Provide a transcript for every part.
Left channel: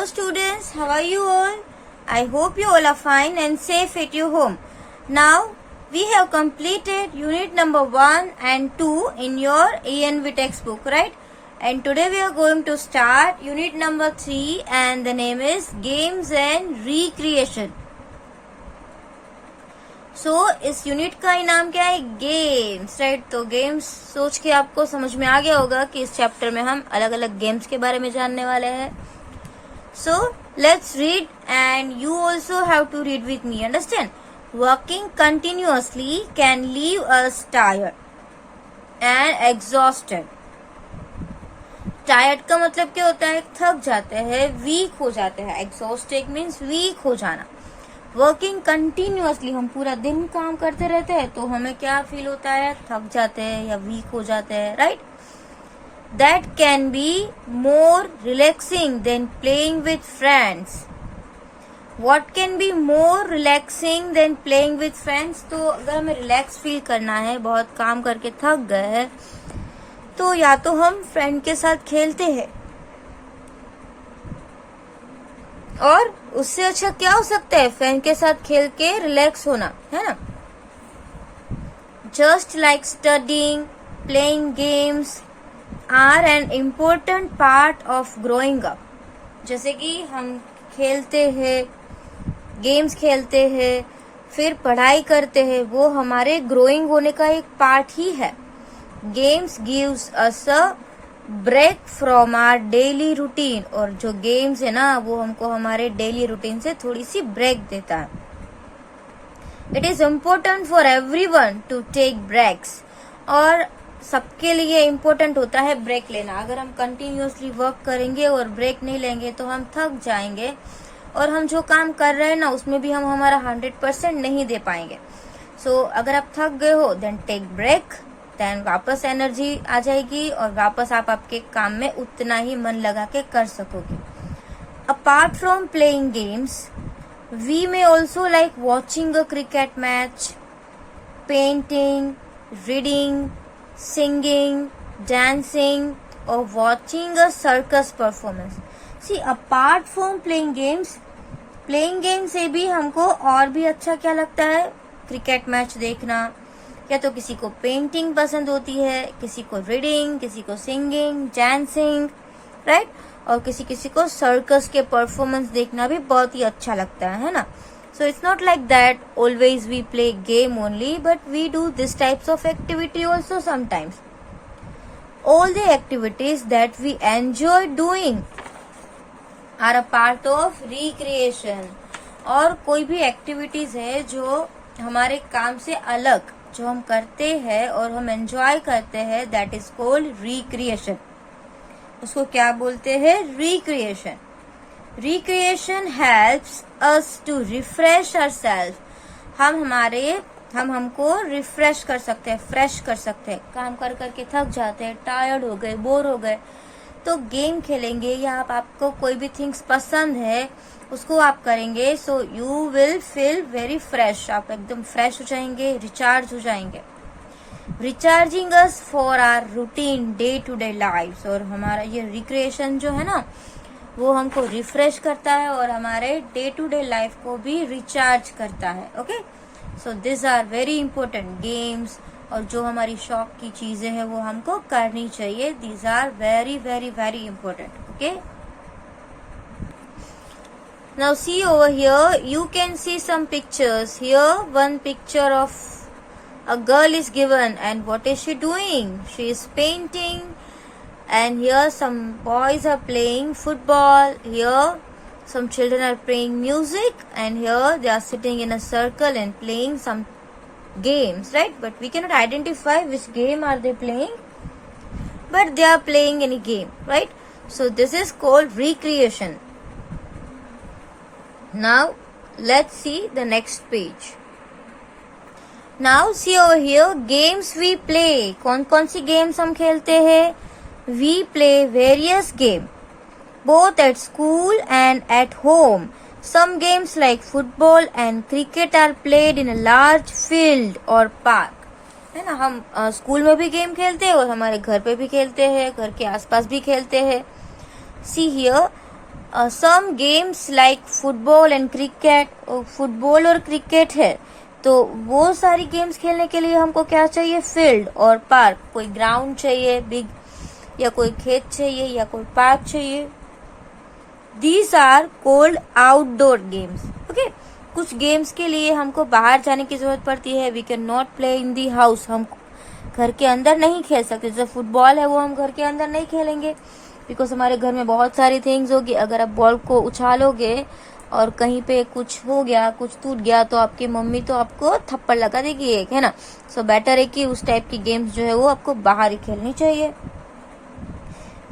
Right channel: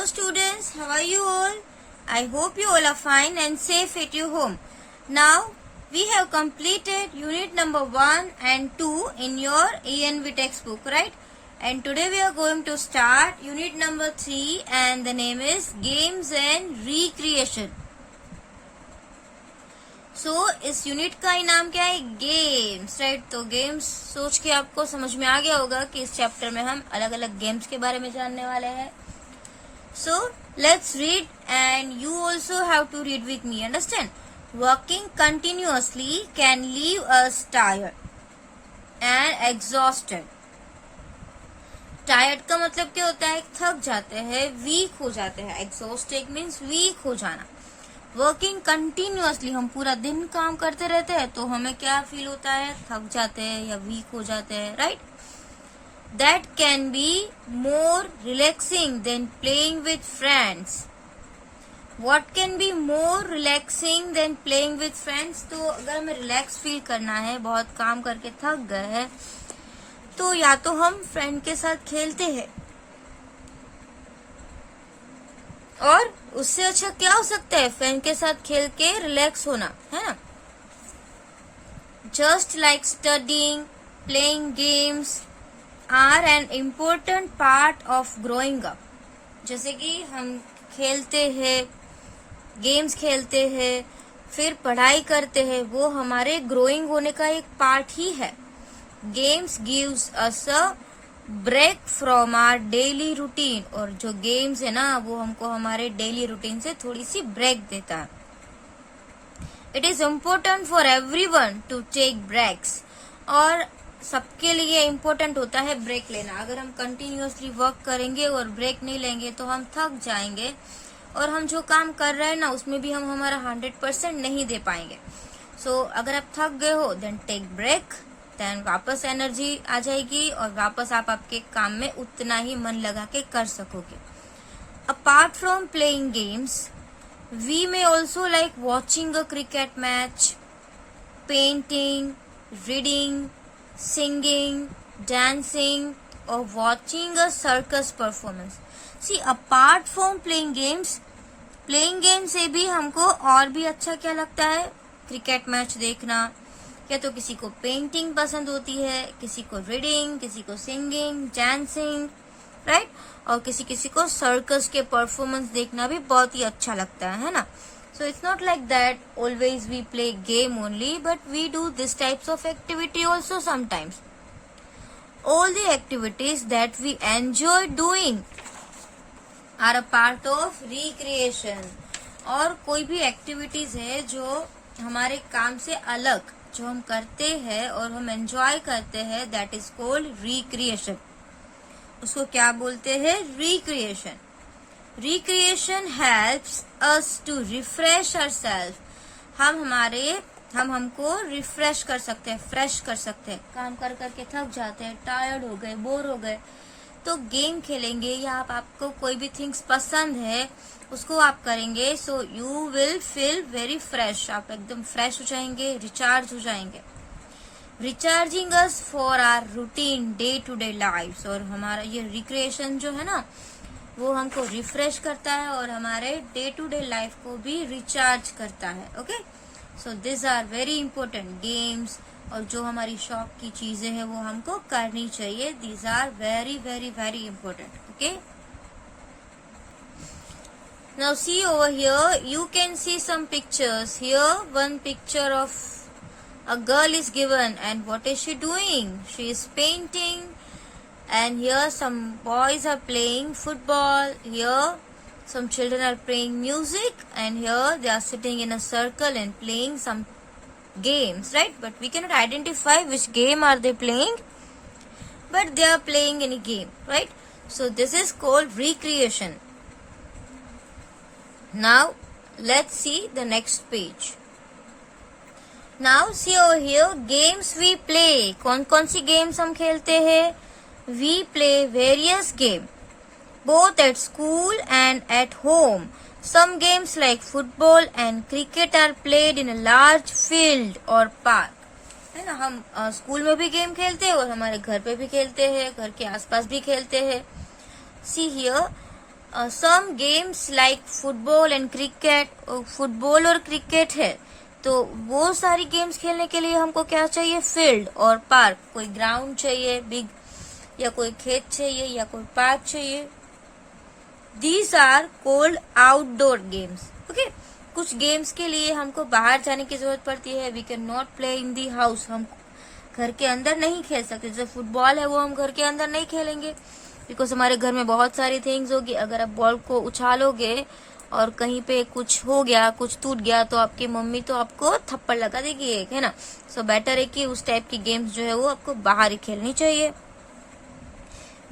Hello students, how are you all? I hope you all are fine and safe at your home. Now we have completed unit number 1 and 2 in your ENV textbook, right? And today we are going to start unit number 3 and the name is Games and Recreation. इस unit का ही नाम क्या है? Games, right? तो games सोच के आपको समझ में आ गया होगा कि इस चैप्टर में हम अलग अलग गेम्स के बारे में जानने वाले हैं. So let's read and you also have to read with me. Understand? Working continuously can leave us tired and exhausted. Tired का मतलब क्या होता है? थक जाते हैं, वीक हो जाते हैं. Exhausted means वीक हो जाना. वर्किंग कंटिन्यूअसली, हम पूरा दिन काम करते रहते हैं तो हमें क्या फील होता है? थक जाते हैं या वीक हो जाते हैं, right? That can be more relaxing than playing with friends. What can be more relaxing than playing with friends? तो अगर हमें रिलैक्स फील करना है, बहुत काम करके थक गए हैं, तो या तो हम फ्रेंड के साथ खेलते हैं, और उससे अच्छा क्या हो सकता है? फ्रेंड के साथ खेल के रिलैक्स होना, है ना? Just like studying, playing games are an important part of growing up. जैसे कि हम खेलते हैं, गेम्स खेलते हैं, फिर पढ़ाई करते हैं, वो हमारे ग्रोइंग होने का एक पार्ट ही है. Games gives us a break from our daily routine. और जो गेम्स है ना, वो हमको हमारे डेली रूटीन से थोड़ी सी ब्रेक देता है. It is important for everyone to take breaks. और सबके लिए इम्पोर्टेंट होता है ब्रेक लेना. अगर हम कंटिन्यूअसली वर्क करेंगे और ब्रेक नहीं लेंगे तो हम थक जाएंगे, और हम जो काम कर रहे हैं ना, उसमें भी हम हमारा 100% नहीं दे पाएंगे. सो अगर आप थक गए हो, देन टेक ब्रेक. देन वापस एनर्जी आ जाएगी और वापस आप आपके काम में उतना ही मन लगा के कर सकोगे. Apart from playing games, we may also like watching a cricket match, painting, reading, singing, dancing और watching a circus performance. See, apart from playing games, playing game से भी हमको और भी अच्छा क्या लगता है? क्रिकेट मैच देखना, या तो किसी को पेंटिंग पसंद होती है, किसी को रीडिंग, किसी को सिंगिंग, डांसिंग, राइट? और किसी किसी को सर्कस के परफॉर्मेंस देखना भी बहुत ही अच्छा लगता है ना? So it's not like that always we play game only, but we do this types of activity also sometimes. All the activities that we enjoy doing are a part of recreation. और कोई भी activities है जो हमारे काम से अलग, जो हम करते हैं और हम एंजॉय करते हैं, दैट इज कॉल्ड रिक्रिएशन. उसको क्या बोलते हैं? Recreation. Recreation helps us to refresh ourselves. हमको रिफ्रेश कर सकते हैं, फ्रेश कर सकते हैं. काम कर करके थक जाते हैं, टायर्ड हो गए, बोर हो गए, तो गेम खेलेंगे, या आपको कोई भी थिंग्स पसंद है उसको आप करेंगे, so you will feel very fresh. आप एकदम फ्रेश हो जाएंगे, रिचार्ज हो जाएंगे. Recharging us for our routine day to day life. और हमारा ये रिक्रिएशन जो है ना, वो हमको रिफ्रेश करता है और हमारे डे टू डे लाइफ को भी रिचार्ज करता है. Okay, so this are very important games. और जो हमारी शौक की चीजें हैं वो हमको करनी चाहिए. These are very very very important. Okay, now see over here, you can see some pictures. Here one picture of a girl is given, and what is she doing? She is painting. And here some boys are playing football. Here some children are playing music, and here they are sitting in a circle and playing some games, right? But we cannot identify which game are they playing, but they are playing any game, right? So this is called recreation. Now let's see the next page. Now see over here, games we play. कौन कौन सी games हम खेलते हैं? We play various games both at school and at home. Some games like football and cricket are played in a large field or park. है ना? हम school में भी गेम खेलते हैं और हमारे घर पे भी खेलते हैं, घर के आसपास भी खेलते हैं. See here, some games like football and cricket, football और क्रिकेट है तो वो सारी गेम्स खेलने के लिए हमको क्या चाहिए, फील्ड और पार्क, कोई ग्राउंड चाहिए बिग, या कोई खेत चाहिए या कोई पार्क चाहिए. These are called outdoor games. Okay, कुछ गेम्स के लिए हमको बाहर जाने की जरूरत पड़ती है. We can not play in the house, हम घर के अंदर नहीं खेल सकते. जैसे फुटबॉल है वो हम घर के अंदर नहीं खेलेंगे बिकॉज हमारे घर में बहुत सारी थिंग्स होगी. अगर आप बॉल को उछालोगे और कहीं पे कुछ हो गया, कुछ टूट गया तो आपकी मम्मी तो आपको थप्पड़ लगा देगी एक, है ना. सो बेटर है कि उस टाइप की गेम्स जो है वो आपको बाहर ही खेलनी चाहिए.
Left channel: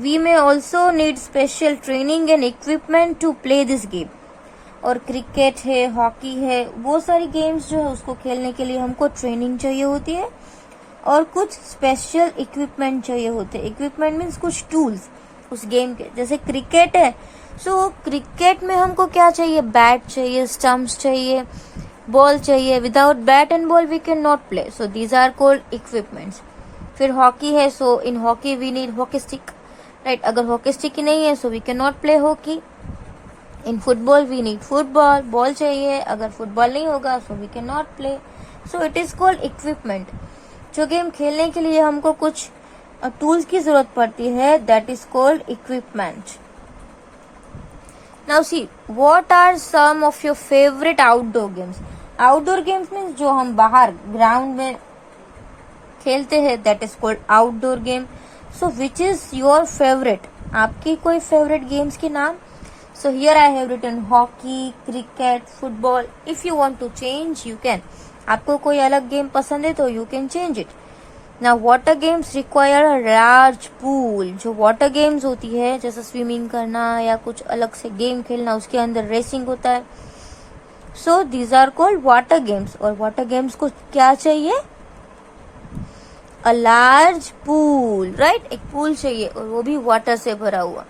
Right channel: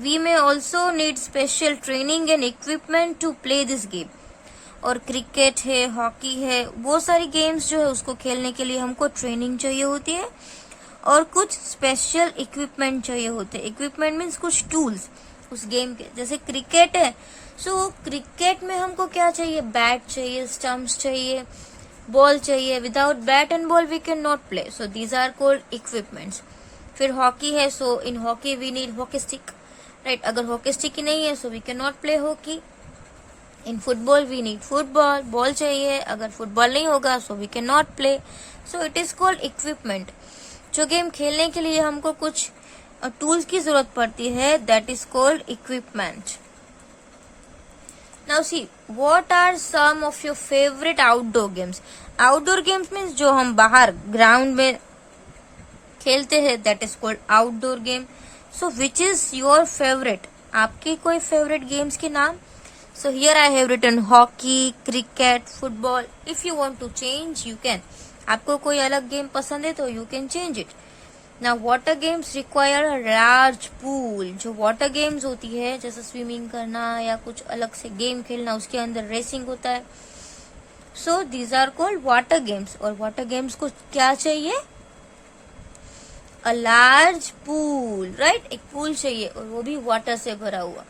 We may also need special training and equipment to play this game. और क्रिकेट है, हॉकी है, वो सारी गेम्स जो है उसको खेलने के लिए हमको ट्रेनिंग चाहिए होती है और कुछ स्पेशल इक्विपमेंट चाहिए होते हैं. इक्विपमेंट मीन्स कुछ टूल्स उस गेम के. जैसे क्रिकेट है, सो क्रिकेट में हमको क्या चाहिए, बैट चाहिए, स्टम्प्स चाहिए, बॉल चाहिए. Without bat and ball we can not play. So these are called equipments. फिर हॉकी है, so in hockey we need hockey stick, right. अगर हॉकी स्टिक ही नहीं है so we can not play hockey. In football we need football, ball चाहिए. अगर football नहीं होगा so we can not play. So it is called equipment. जो game खेलने के लिए हमको कुछ टूल्स की जरूरत पड़ती है, that is called equipment. Now see what are some of your favourite outdoor games. Outdoor games means जो हम बाहर ग्राउंड में खेलते हैं, that is called outdoor game. So which is your favourite, आपकी कोई फेवरेट गेम्स के नाम. So here I have written hockey, cricket, football. If you want to change you can. आपको कोई अलग गेम पसंद है तो you can change it. Now water games require a large pool. जो water games होती है जैसे स्विमिंग करना या कुछ अलग से गेम खेलना, उसके अंदर रेसिंग होता है. So these are called water games. और water games को क्या चाहिए, a large pool, right? एक पूल चाहिए और वो भी वाटर से भरा हुआ.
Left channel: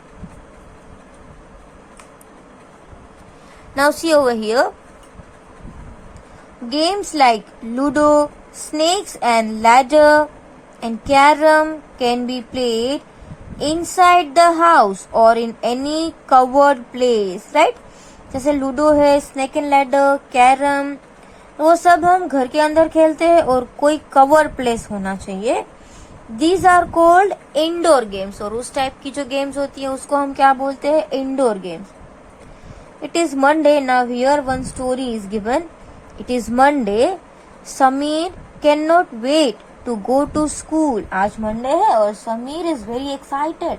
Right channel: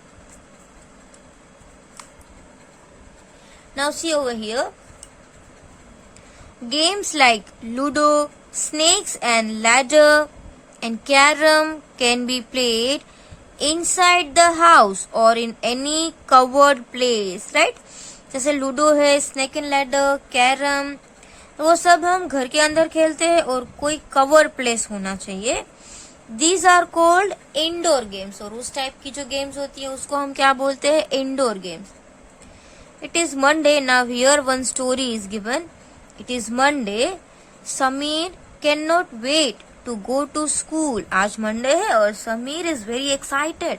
Now see over here. Games like Ludo, snakes and ladder and carom can be played inside the house or in any covered place, right? जैसे लूडो है, स्नेक एंड लैडर, कैरम, वो सब हम घर के अंदर खेलते हैं और कोई कवर प्लेस होना चाहिए. These are called indoor games. और उस टाइप की जो गेम्स होती है उसको हम क्या बोलते हैं, indoor games. It is Monday. Now here one story is given. It is Monday. Sameer can not wait to go to school. आज मंडे है और Sameer is very excited.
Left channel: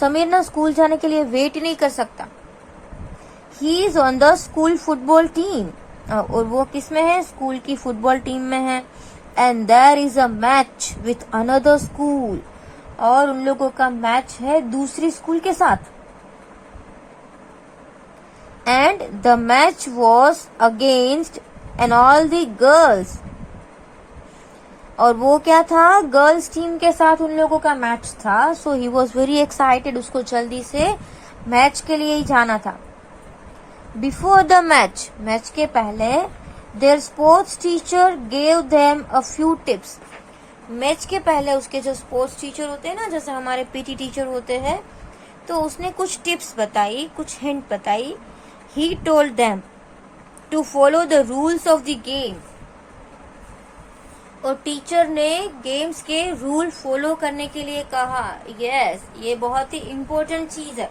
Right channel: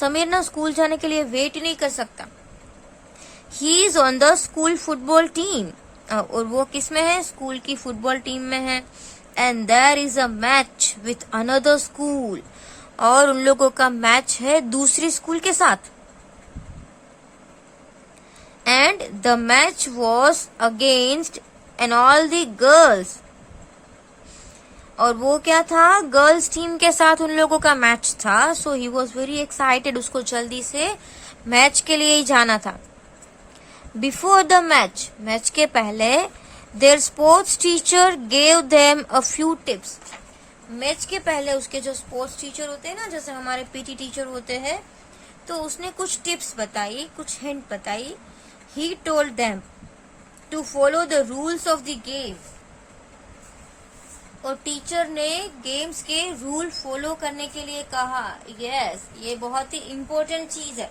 Sameer ना स्कूल जाने के लिए वेट नहीं कर सकता. He is on the school football team. और वो किस में है, स्कूल की फुटबॉल टीम में है. And there is a match with another school. और उन लोगों का मैच है दूसरी स्कूल के साथ. And the match was against and all the girls. और वो क्या था, गर्ल्स टीम के साथ उन लोगों का मैच था. सो ही वॉज वेरी एक्साइटेड. उसको जल्दी से मैच के लिए ही जाना था. बिफोर द मैच, मैच के पहले, their sports teacher gave them a few tips. Match के पहले उसके जो स्पोर्ट्स टीचर होते हैं ना, जैसे हमारे पीटी टीचर होते हैं, तो उसने कुछ टिप्स बताई, कुछ हिंट बताई. He told them to follow the rules of the game. और टीचर ने गेम्स के रूल फॉलो करने के लिए कहा. यस, ये बहुत ही इम्पोर्टेंट चीज है.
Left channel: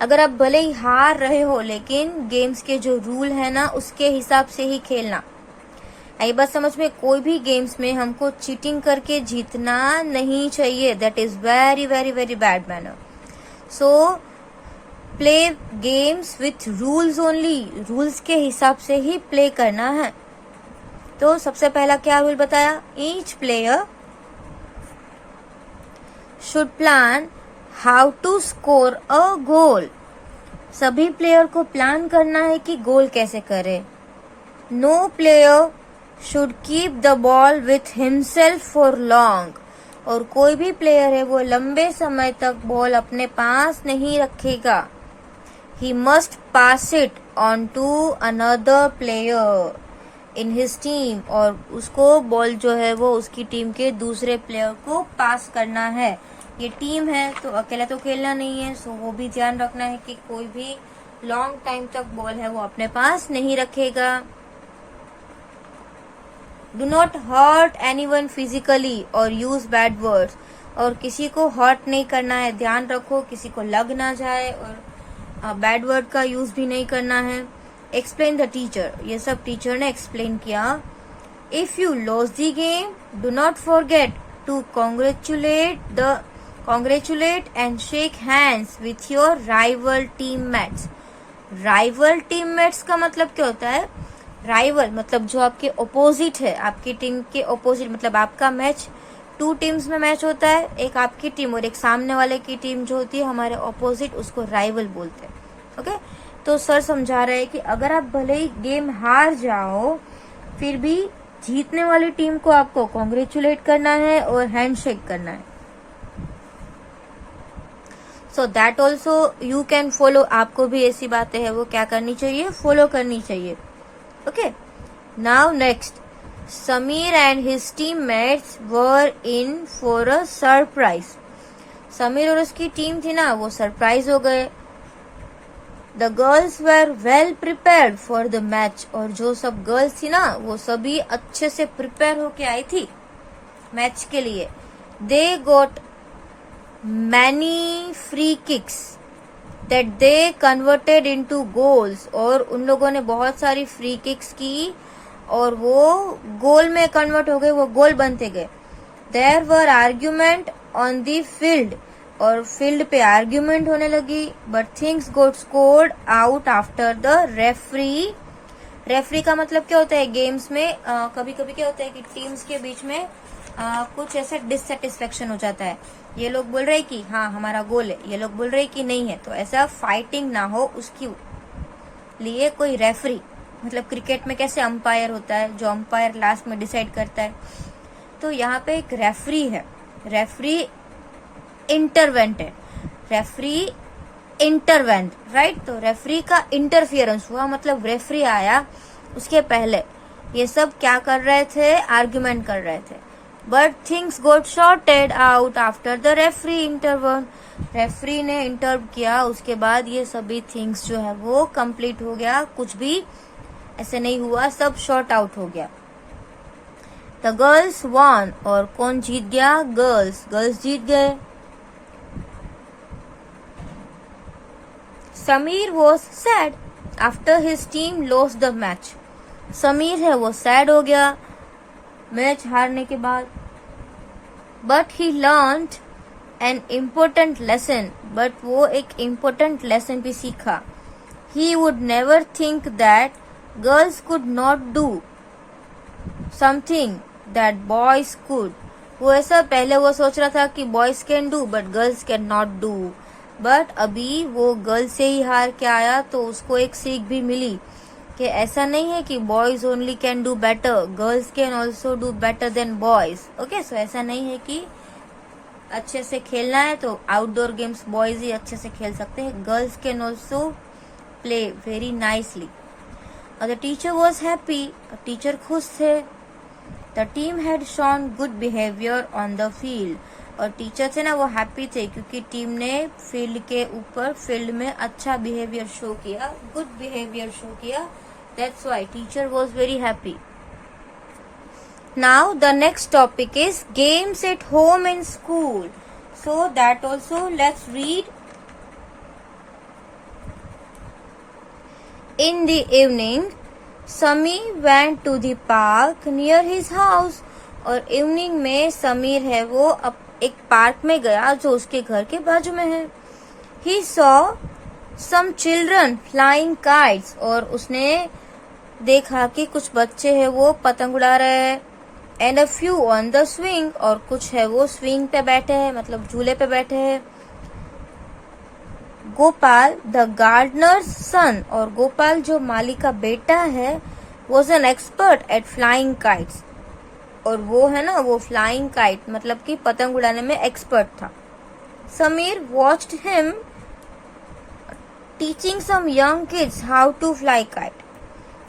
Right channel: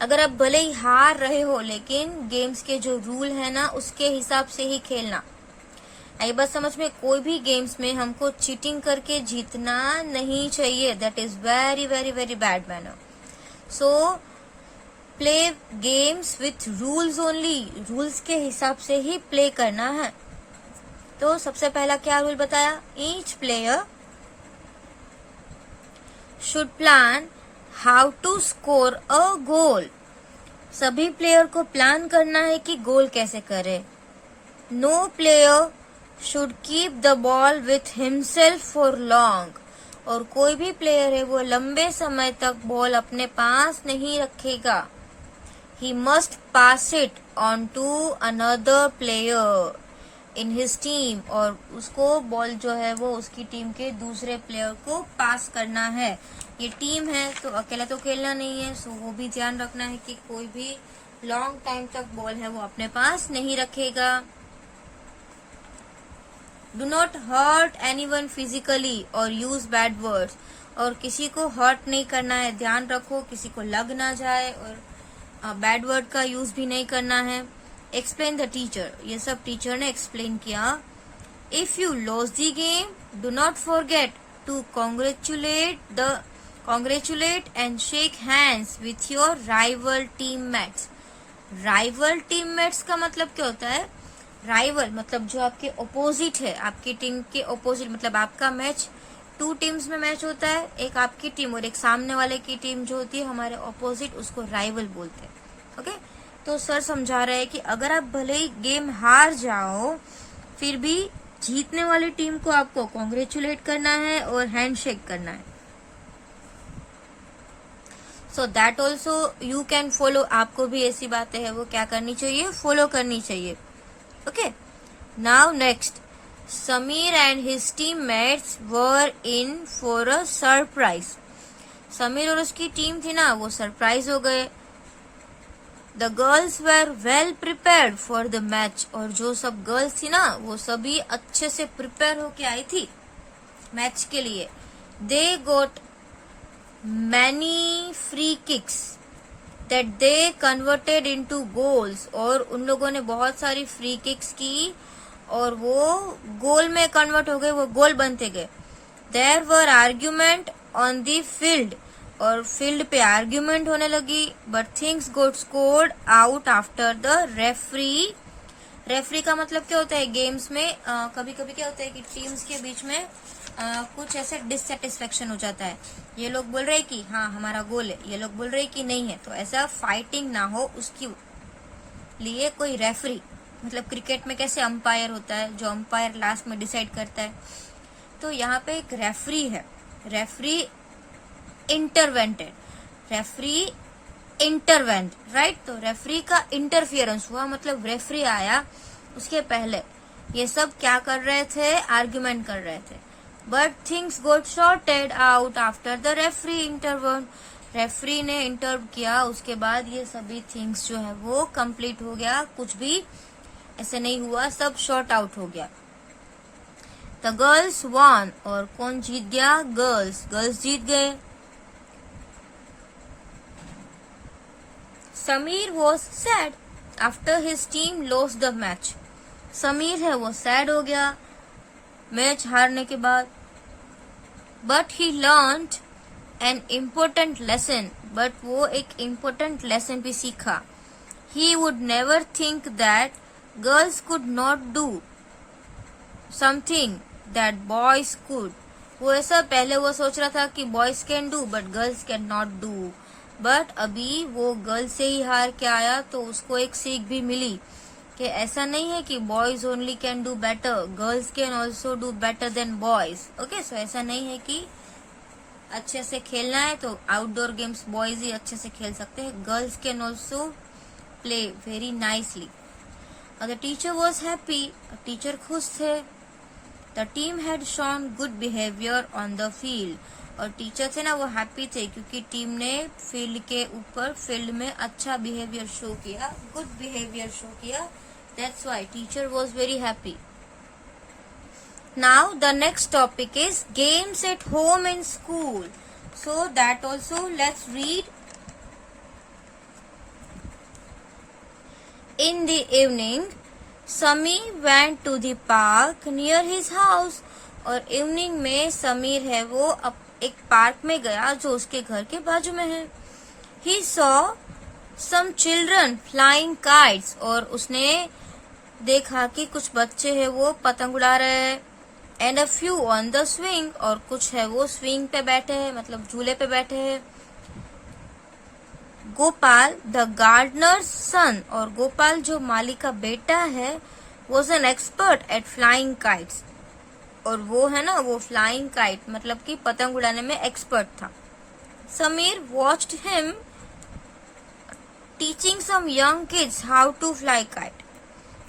अगर आप भले ही हार रहे हो लेकिन गेम्स के जो रूल है ना उसके हिसाब से ही खेलना. आई बात समझ में. कोई भी गेम्स में हमको चीटिंग करके जीतना नहीं चाहिए. That is very very very bad manner. So play games with rules only. Rules के हिसाब से ही प्ले करना है. तो सबसे पहला क्या रूल बताया, each player should plan how to score a goal. सभी प्लेयर को प्लान करना है कि गोल कैसे करे. No player should keep the ball with himself for long. और कोई भी प्लेयर है वो लंबे समय तक बॉल अपने पास नहीं रखेगा. He must pass it on to another player in his team. और उसको बॉल जो है वो उसकी टीम के दूसरे प्लेयर को पास करना है. ये टीम है तो अकेला तो खेलना नहीं है, सो वो भी ध्यान रखना है कि कोई भी लॉन्ग टाइम तक बॉल है वो अपने पास नहीं रखेगा। Do not hurt anyone physically और यूज बैड वर्ड्स, और किसी को हर्ट नहीं करना है, ध्यान रखो किसी को लग ना जाए, और बैड वर्ड का यूज भी नहीं करना है। एक्सप्लेन द टीचर, ये सब टीचर ने एक्सप्लेन किया। If you loss the game do not forget to congratulate and shake hands with your rival teammates। Rival teammates का मतलब क्या होता है? राइवल मतलब जो आपके ओपोजिट है, आपकी टीम के ओपोजिट, मतलब आपका मैच 2 टीम्स में मैच होता है, एक आपकी टीम और एक सामने वाले की टीम जो होती है हमारे ओपोजिट, उसको राइवल बोलते हैं। ओके, तो सर समझा रहे हैं कि अगर आप भले ही गेम हार जाओ फिर भी जीतने वाली टीम को आपको कॉन्ग्रेचुलेट करना है और हैंडशेक करना है। सो that also you can follow, आपको भी ऐसी बातें हैं वो क्या करनी चाहिए, फॉलो करनी चाहिए। Okay, now next, Sameer and his teammates were in for a surprise. Sameer और उसकी टीम थी ना, वो सरप्राइज हो गए। The girls were well prepared for the match, और जो सब गर्ल्स थी ना वो सभी अच्छे से प्रिपेयर होके आई थी मैच के लिए। They got many free kicks that they converted into goals, और उन लोगों ने बहुत सारी फ्री किक्स की और वो गोल में कन्वर्ट हो गए, वो गोल बनते गए। There were argument on the field, और फील्ड पे आर्ग्यूमेंट होने लगी। But things got sorted out after the referee. Referee का मतलब क्या होता है गेम्स में, कभी कभी क्या होता है कि टीम्स के बीच में कुछ ऐसा डिससेटिस्फेक्शन हो जाता है। ये लोग बोल रहे कि हाँ हमारा गोल है, ये लोग बोल रहे कि नहीं है, तो ऐसा फाइटिंग ना हो उसकी लिए कोई रेफरी, मतलब क्रिकेट में कैसे अंपायर होता है, जो अंपायर लास्ट में डिसाइड करता है, तो यहाँ पे एक रेफरी है। रेफरी इंटरवेंट है, रेफरी इंटरवेंट, राइट। तो रेफरी का इंटरफियरेंस हुआ, मतलब रेफरी आया, उसके पहले ये सब क्या कर रहे थे, आर्ग्यूमेंट कर रहे थे। But things got sorted out after the referee intervene. Referee ने इंटर किया, उसके बाद ये सभी थिंग्स जो है वो कंप्लीट हो गया, कुछ भी ऐसे नहीं हुआ, सब शॉर्ट आउट हो गया। द गर्ल्स वन, और कौन जीत गया, गर्ल्स, गर्ल्स जीत गए। Sameer was sad after his team lost the match. Sameer है वो सैड हो गया मैच हारने के बाद। But he learn an important lesson, but वो एक इम्पोर्टेंट लेसन भी सीखा। He would never think that girls could not do something that boys could. वो ऐसा पहले वो सोच रहा था कि boys can do but girls can not do, but अभी वो गर्ल्स से ही हार के आया तो उसको एक सीख भी मिली कि ऐसा नहीं है कि boys only can do better, girls can also do better than boys. Okay, so ऐसा नहीं है कि अच्छे से खेलना है तो आउटडोर गेम्स बॉयज ही अच्छे से खेल सकते हैं, girls can also play very nicely. The teacher was happy, teacher खुश थे। The team had shown good behaviour on the field, और टीचर थे ना वो हैप्पी थे क्योंकि टीम ने फील्ड के ऊपर, फील्ड में अच्छा बिहेवियर शो किया, गुड बिहेवियर शो किया। That's why teacher was very happy. Now the next topic is games at home and school, so that also let's read. In the evening Sameer went to the park near his house, और evening में समीर है वो एक park में गया जो उसके घर के बाजू में है। He saw some children flying kites, और उसने देखा कि कुछ बच्चे हैं वो पतंग उड़ा रहे हैं। And a few on the swing, और कुछ है वो स्विंग पे बैठे हैं, मतलब झूले पे बैठे हैं। गोपाल द गार्डनर्स सन, और गोपाल जो माली का बेटा है was an expert at flying kites, और वो है ना वो फ्लाइंग काइट मतलब कि पतंग उड़ाने में एक्सपर्ट था। Sameer watched him teaching some young kids how to fly kite,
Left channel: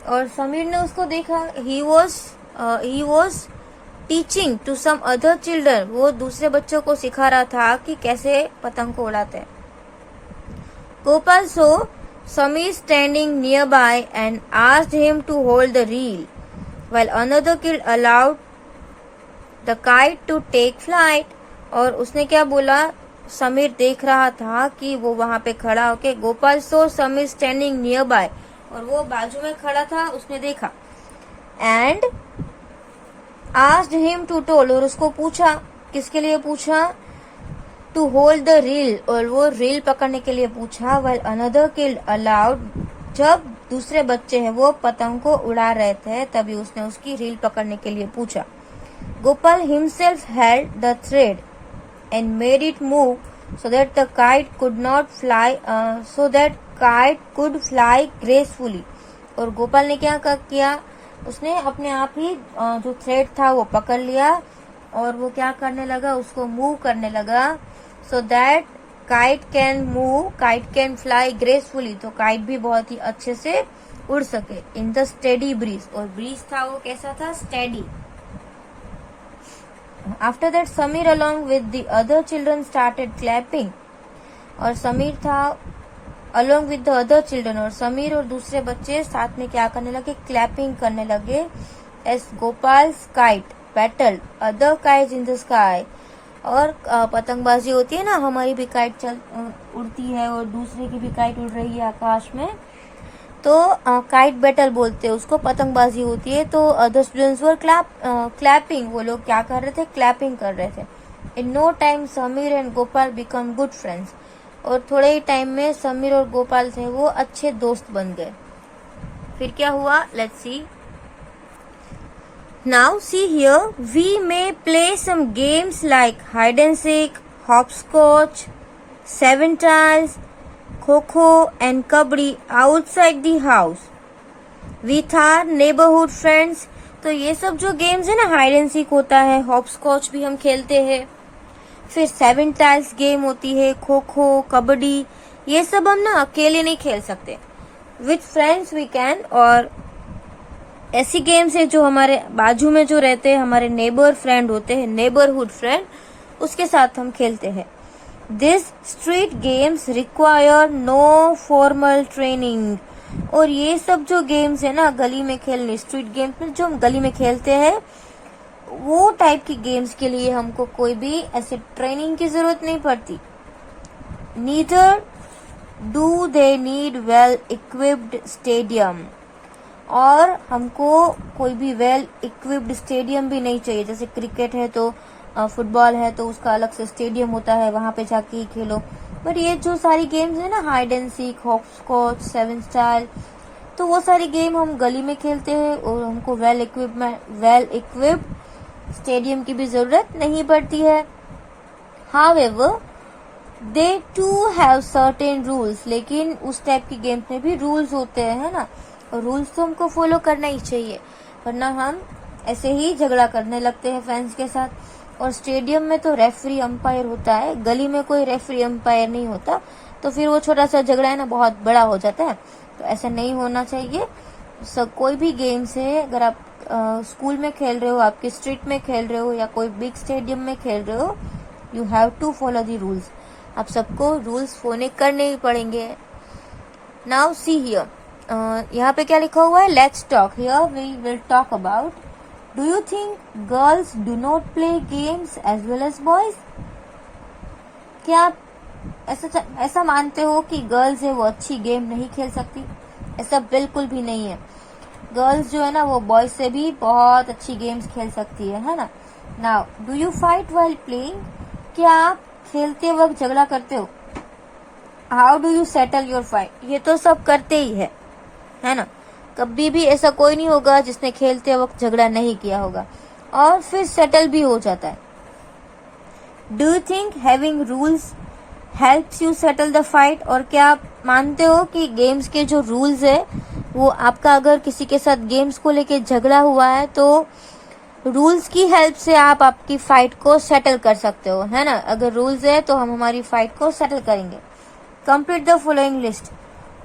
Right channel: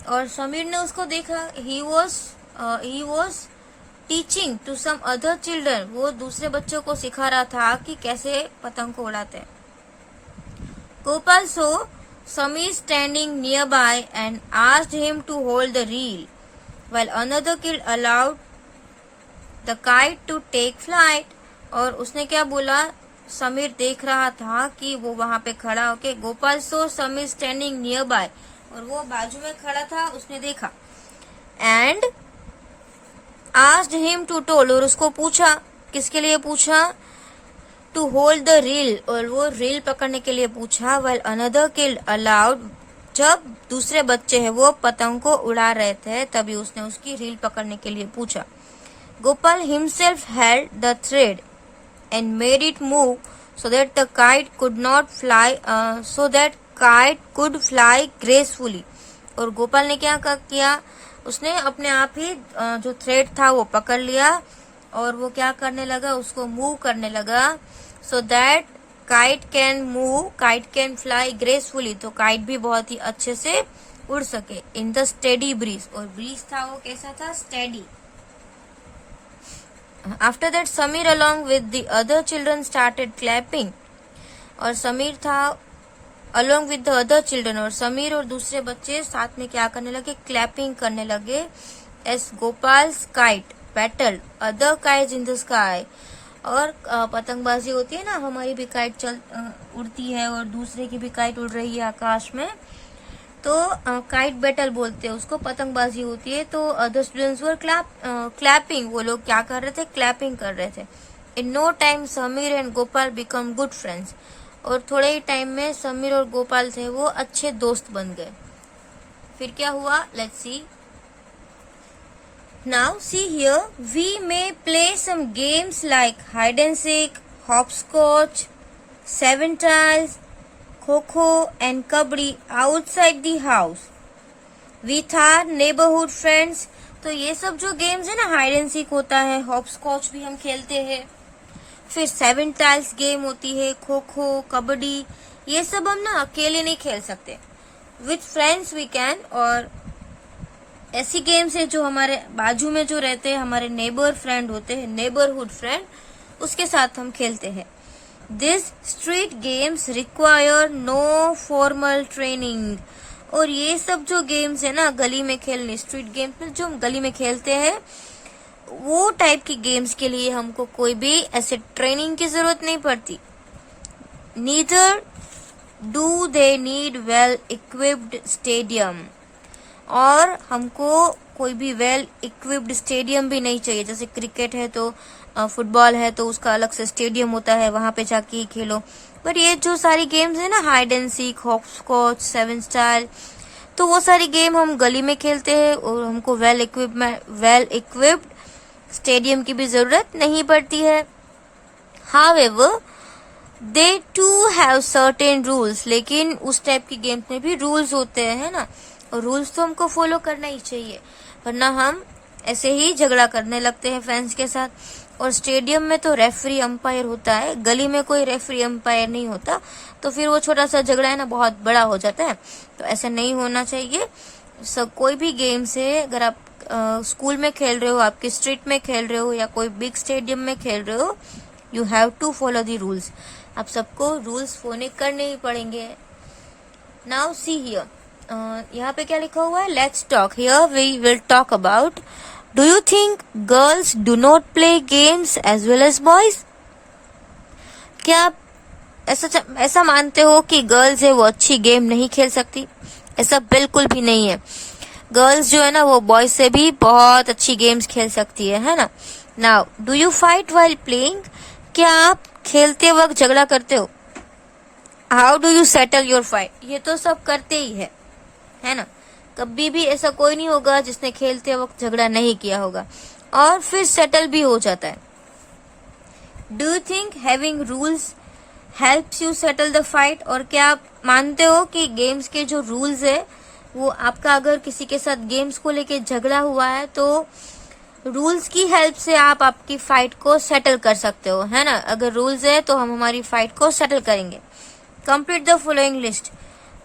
और समीर ने उसको देखा, he was teaching to some other children, वो दूसरे बच्चों को सिखा रहा था कि कैसे पतंग को उड़ाते हैं। Gopal so Sameer standing near by and asked him to hold the reel while another kid allowed the kite to take flight. और उसने क्या बोला, समीर देख रहा था कि वो वहां पे खड़ा होके, Gopal so Sameer standing near by, और वो बाजू में खड़ा था, उसने देखा, and asked him to told, और उसको पूछा, किसके लिए पूछा, टू होल्ड द रील, और वो रील पकड़ने के लिए पूछा, व्हाइल अनदर किड अलाउड, जब दूसरे बच्चे हैं वो पतंग को उड़ा रहे थे तभी उसने उसकी रील पकड़ने के लिए पूछा। Gopal himself held the thread and made it move so that the kite could not fly, so that kite could fly gracefully। और गोपाल ने क्या किया, उसने अपने आप ही जो थ्रेड था वो पकड़ लिया और वो क्या करने लगा, उसको मूव करने लगा, so that kite can move, kite can fly gracefully, तो काइट भी बहुत ही अच्छे से उड़ सके, in the steady breeze, और ब्रीज था वो कैसा था, steady. After that, Samir along with the other children started clapping, और समीर था along with the other children, और समीर और दूसरे बच्चे साथ में क्या करने लगे, क्लैपिंग करने लगे, as Gopal's kite battled other kites in the sky। और पतंगबाजी होती है ना, हमारी भी काइट उड़ती है और दूसरे की भी काइट उड़ रही है आकाश में, तो काइट बैटल बोलते हैं उसको, पतंगबाजी होती है। तो अदर स्टूडेंट्स वर क्लैपिंग, वो लोग क्या कर रहे थे, क्लैपिंग कर रहे थे। In no time Sameer and Gopal become good friends, और थोड़े ही टाइम में समीर और गोपाल थे वो अच्छे दोस्त बन गए। फिर क्या हुआ, let's see. Now see here, we may play some games like hide and seek, hopscotch, 7 tiles, kho-kho and kabaddi outside the house with our neighbourhood friends. तो ये सब जो गेम्स है ना, हाइड एंड सीक होता है, हॉपस्कॉच भी हम खेलते हैं, फिर 7 टाइल्स गेम होती है, खो-खो, कबड्डी, ये सब हम ना अकेले नहीं खेल सकते, विथ फ्रेंड्स वी कैन। और ऐसी गेम्स है जो हमारे बाजू में जो रहते हैं, हमारे नेबर फ्रेंड होते हैं, नेबरहुड फ्रेंड, उसके साथ हम खेलते हैं। This street games require no formal training, और ये सब जो गेम्स है ना गली में खेलने, स्ट्रीट गेम्स में जो हम गली में खेलते हैं, वो टाइप की गेम्स के लिए हमको कोई भी ऐसे ट्रेनिंग की जरूरत नहीं पड़ती। Neither do they need well equipped stadium, और हमको कोई भी वेल इक्विप्ड स्टेडियम भी नहीं चाहिए। जैसे क्रिकेट है तो फुटबॉल है तो उसका अलग से स्टेडियम होता है, वहां पे जाके ही खेलो। पर ये जो सारी गेम्स है ना, hide and seek, hopscotch, 7 style, तो वो सारी गेम हम गली में खेलते हैं और हमको वेल इक्विप्ड स्टेडियम की भी जरूरत नहीं पड़ती है। However they to have certain rules, लेकिन उस टाइप की गेम्स में भी रूल्स होते हैं, है ना, और रूल्स तो हमको फॉलो करना ही चाहिए, वरना हम ऐसे ही झगड़ा करने लगते हैं फ्रेंड्स के साथ। और स्टेडियम में तो रेफरी अंपायर होता है, गली में कोई रेफरी अंपायर नहीं होता, तो फिर वो छोटा सा झगड़ा है ना बहुत बड़ा हो जाता है, तो ऐसा नहीं होना चाहिए। कोई भी गेम्स है, अगर आप स्कूल में खेल रहे हो, आपके स्ट्रीट में खेल रहे हो, या कोई बिग स्टेडियम में खेल रहे हो, you have to follow the rules, आप सबको रूल्स फॉलो करने ही पड़ेंगे। नाउ सी हियर, यहाँ पे क्या लिखा हुआ है, let's talk, here we will talk about, do you think girls do not play games as well as boys? क्या आप ऐसा मानते हो कि गर्ल्स है वो अच्छी गेम नहीं खेल सकती? ऐसा बिल्कुल भी नहीं है। गर्ल्स जो है ना वो बॉयज से भी बहुत अच्छी गेम्स खेल सकती है ना। Now do you fight while playing? क्या आप खेलते वक्त झगड़ा करते हो? How do you settle your fight? ये तो सब करते ही है ना, कभी भी ऐसा कोई नहीं होगा जिसने खेलते वक्त झगड़ा नहीं किया होगा, और फिर सेटल भी हो जाता है। Do you think having rules helps you settle the fight? और क्या आप मानते हो कि गेम्स के जो रूल्स है वो आपका, अगर किसी के साथ गेम्स को लेके झगड़ा हुआ है तो रूल्स की हेल्प से आप आपकी फाइट को सेटल कर सकते हो, है ना। अगर रूल्स है तो हम हमारी फाइट को सेटल करेंगे। Complete the following list,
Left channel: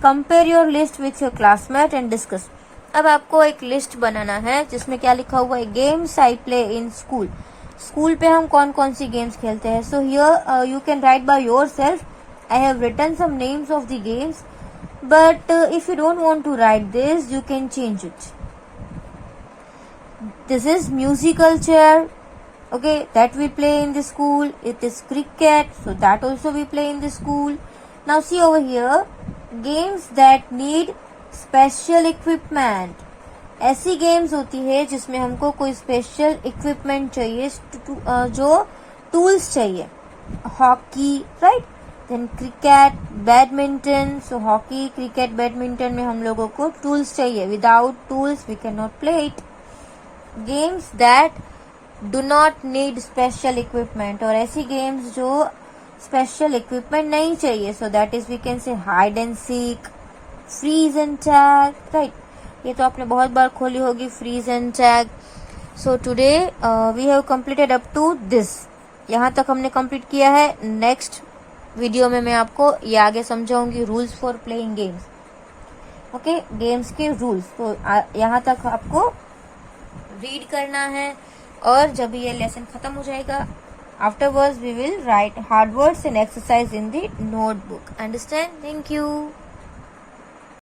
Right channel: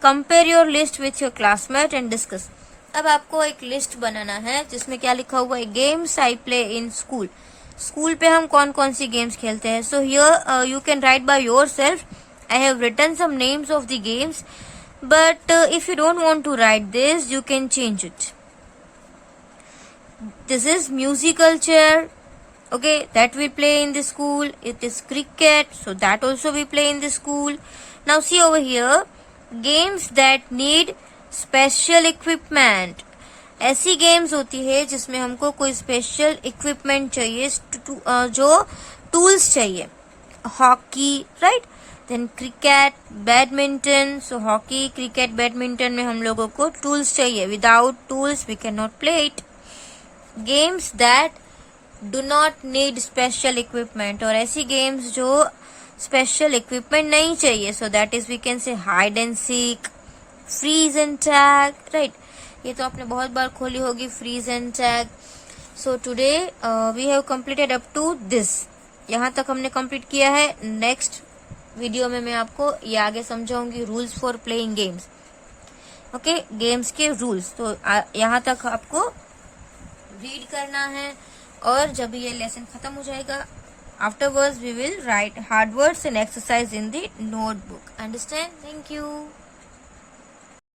compare your list with your classmate and discuss. अब आपको एक लिस्ट बनाना है जिसमें क्या लिखा हुआ है, games I play in school. School पे हम कौन कौन सी गेम्स खेलते हैं। So here you can write by yourself. I have written some names of the games, but if you don't want to write this, you can change it. This is musical chair, okay, that we play in the school. It is cricket, so that also we play in the school. Now see over here, games that need special equipment. ऐसी games होती है जिसमें हमको कोई special equipment चाहिए, जो tools चाहिए। Hockey, right, then cricket, badminton. So hockey, cricket, badminton में हम लोगों को टूल्स चाहिए। Without tools we can not play it. Games that do not need special equipment, और ऐसी गेम्स जो स्पेशल इक्विपमेंट नहीं चाहिए। So that is we can say hide and seek, freeze and tag, right. ये तो आपने बहुत बार खोली होगी, freeze and tag. So today we have completed up to this. यहाँ तक हमने कंप्लीट किया है। नेक्स्ट वीडियो में मैं आपको ये आगे समझाऊंगी, rules for playing games. Okay, games के रूल्स। तो यहाँ तक आपको रीड करना है, और जब ये लेसन खत्म हो जाएगा, afterwards we will write hard words and exercise in the notebook. Understand? Thank you.